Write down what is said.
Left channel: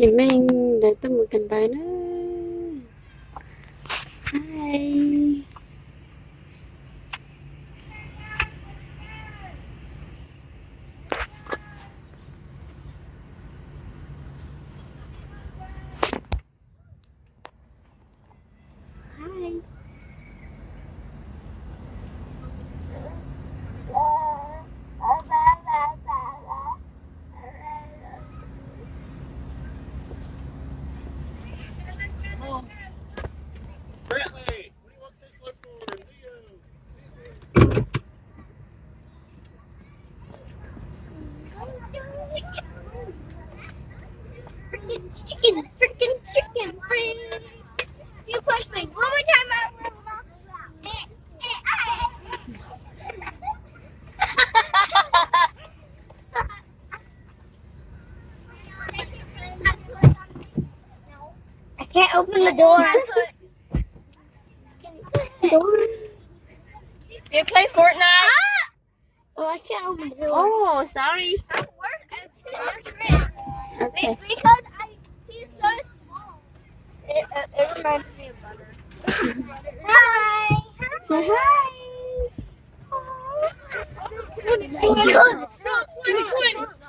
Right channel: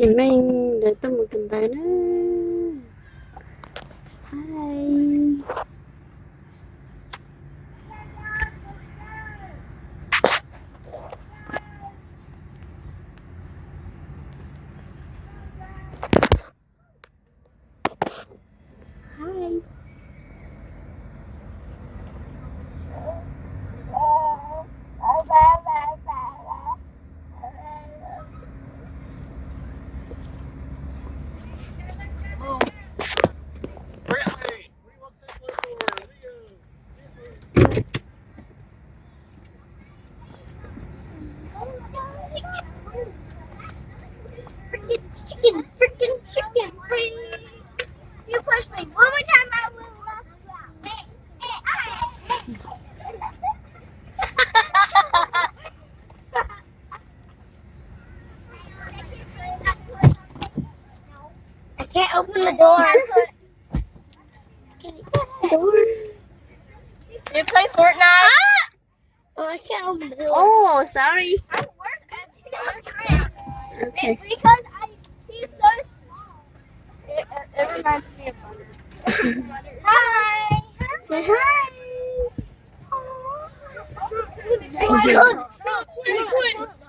Chị Minh để tôi một cần tới nữa. Hi. Hi. Brantley, what do you walk so slow for? Freaking chicken, free. You push me one more time, I will. I can't open the door. You play Fortnite? Oh, I can't open the door. Oh, sorry. Okay. Because he's so small. It reminds me of butter. Hi. Say hi. Oh my God, it's 2020.